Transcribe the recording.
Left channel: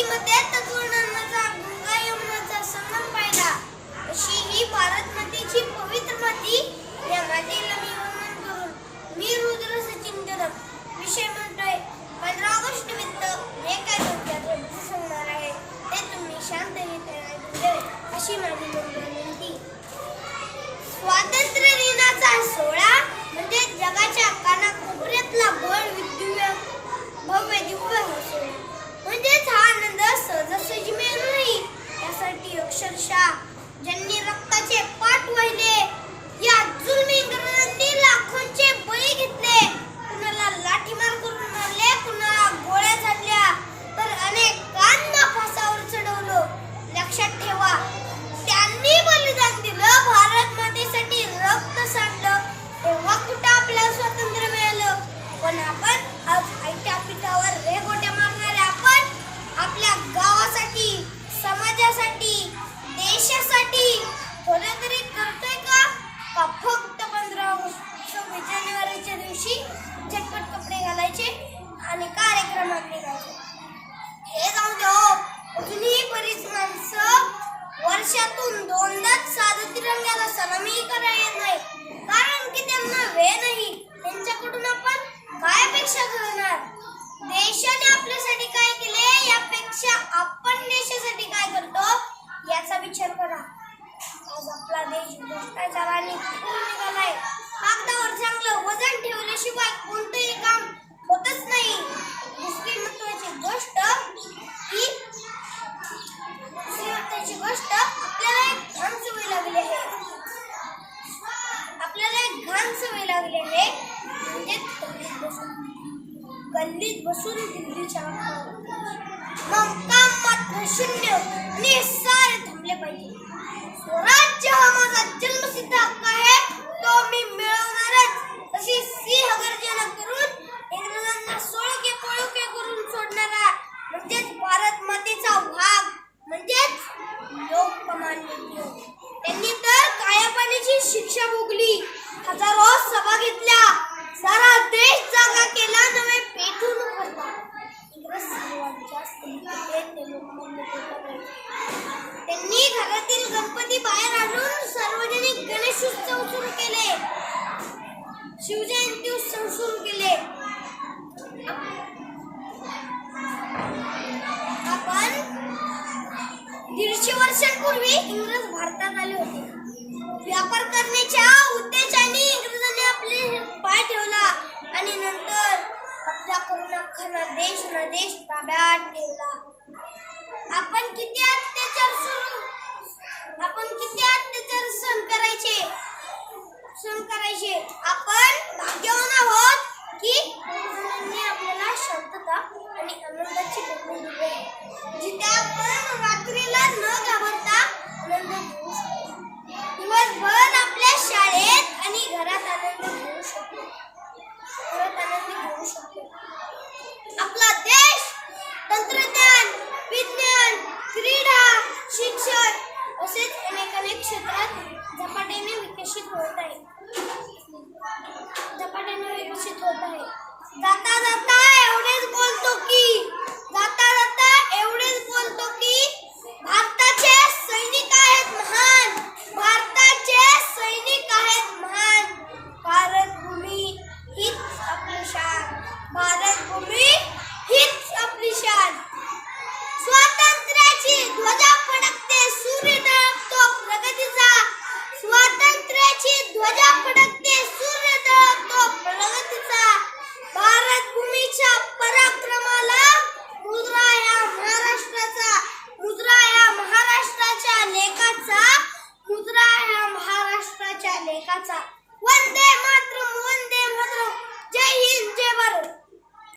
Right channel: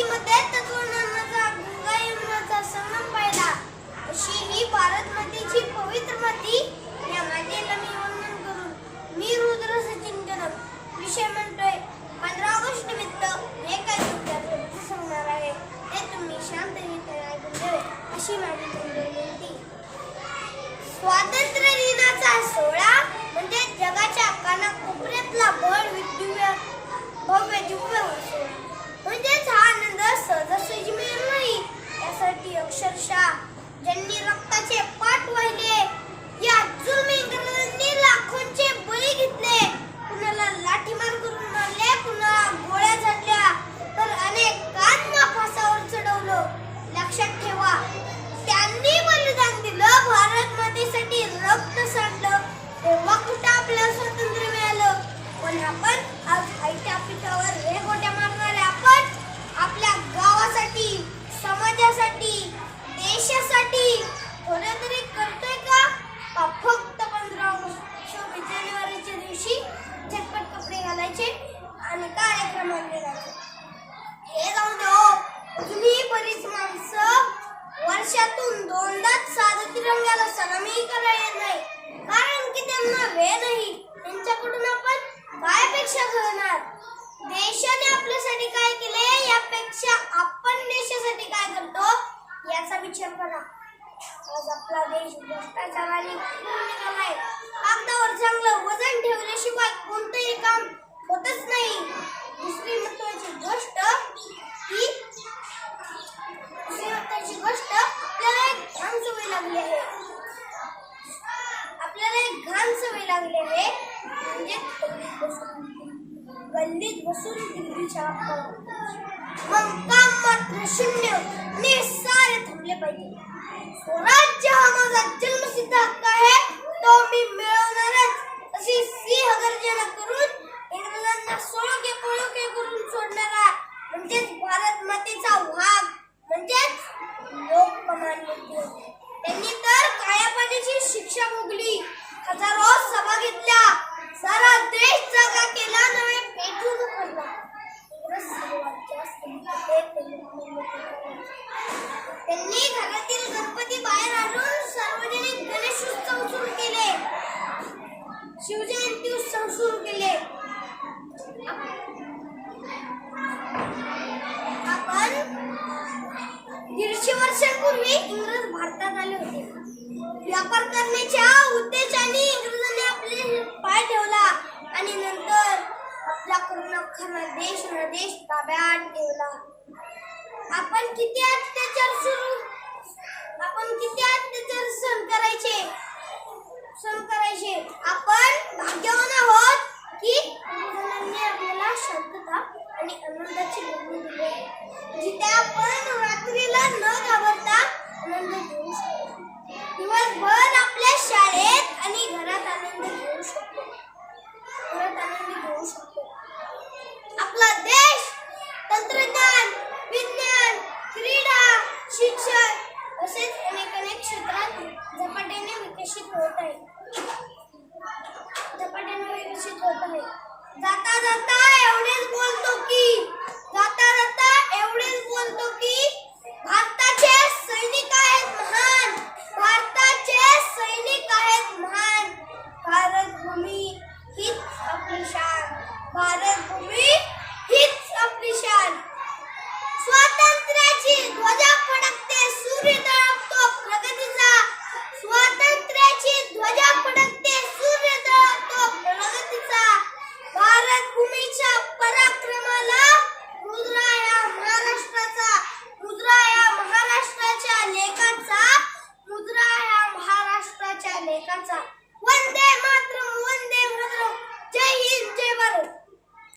नदीमध्ये तत्वज्ञानाचा गंगा यमुनाचा संगम पाहिला. अशी ही भारत मातेची पवित्र माती. या मातेला मी वंदन करून मी रुद्र सचिन जनक विषय म्हणतोय. 15 ऑगस्ट निमित्त हे काय गोष्टी सांगणार आहे ते तुम्ही शांततेने ऐकून घ्यावे अशी माझी विनंती. स्वातंत्र्य दिनाचा सोहळा म्हणजे जगाच्या कानाकोपऱ्यातला भव्य दिव्य सोहळा. म्हणजेच हा आनंद सहजासहजी मिळणार नाही. यासाठी अक्षरशः ज्यांनी रक्ताचे पाट वाहिले, या जुलमी इंग्रजांनी लाखोंचे बळी घेतले, कुणाला लाठीमार करून मारले, कुणाला गोळ्या झाडल्या, तर अनेकांना फासावर चढवलं. लक्षात ठेवा, त्यांनी बलिदान दिलं, भारत मातेसाठी रक्त सांडलं, तेव्हा कुठं आपल्याला स्वातंत्र्य मिळालं. पण आपण आज आयत्या पिठावर रेघोट्या मारणारे आपण आपल्या गावासाठी, समाजासाठी, देशासाठी थोडं तरी करतोय का? फक्त 15 ऑगस्ट 26 जानेवारीच्या दिवशी झटपट कपडे घालायचे आणि कार्यक्रमात जायचे. हे जाऊ दे हो, अजूनही बरीच माणसं वर्षातून 2दाच साधा तिरंग्याला सलामी करायला येत नाही, कारण की त्यांना वेळ नाही. त्यांच्याकडून आपण काय अपेक्षा करणार? देशाने आपल्यासाठी काय केले यापेक्षा आपण देशासाठी काय करतो याचा विचार करा. आज आपला देश भ्रष्टाचाराने निघालाय. कागदावर चांगलं वजन ठेवल्याशिवाय कोणतंही काम होतच नाही. दुसरी महत्त्वाची गोष्ट आपल्याला एक घाण सवय लागली आहे. म्हणजे गल्लीत बसून दिल्लीच्या मग काम मात्र शून्य आणि सारे थांबले पाहिजे. स्वराज्य हा माझा जन्मसिद्ध हक्क आहे, तो मी मिळवणारच अशी सिंहगर्जना करून इंग्रजांना सोळके पळके करून सोडणारा म्हणजेच भारत मातेचा वाघ म्हणजेच लोकमान्य. त्यांनी तर कायापाण्याची शिक्षा भोगली, हजारो सभा घेतल्या, सारा देश जागा केला, नवे पेटून उघडला. इंग्रज त्यांनी घरातील गणपती बाहेर आणून सार्वजनिक गणेश उत्सव सुरू केले, शिवजयंती उत्सव सुरू केले. आपण 150 वर्षांपूर्वी इंग्रज भारतात आले होते. व्यापार करण्याच्या उद्देशाने इंग्रजांनी आपले पाय ठेवला आणि नंतर आपला करून अख्खा देश ताब्यात ठेवला. आपण किती अत्याचार सहन करायचे. आपण भाग्यवान आहोत की इंग्रजांनी आपल्याला शांतता आणि आनंदाची भूमी दिली, जिथे आपण रात्रीला न घाबरता आनंद घेऊ शकतो. दिवसभर आपल्या शाळेत आणि घरात आनंद घेऊ शकतो. आपला देश तंत्रज्ञान, विज्ञान, क्रीडा, शिक्षण असेच अनेक क्षेत्रात झपाट्याने विकसित होत आहे. जाता जाता एवढेच बोलतो की भारताचे सैनिक आहेत महान. भारत भूमी हीच आपली शान. स्वातंत्र्याची ध्वजा फडकते, सूर्य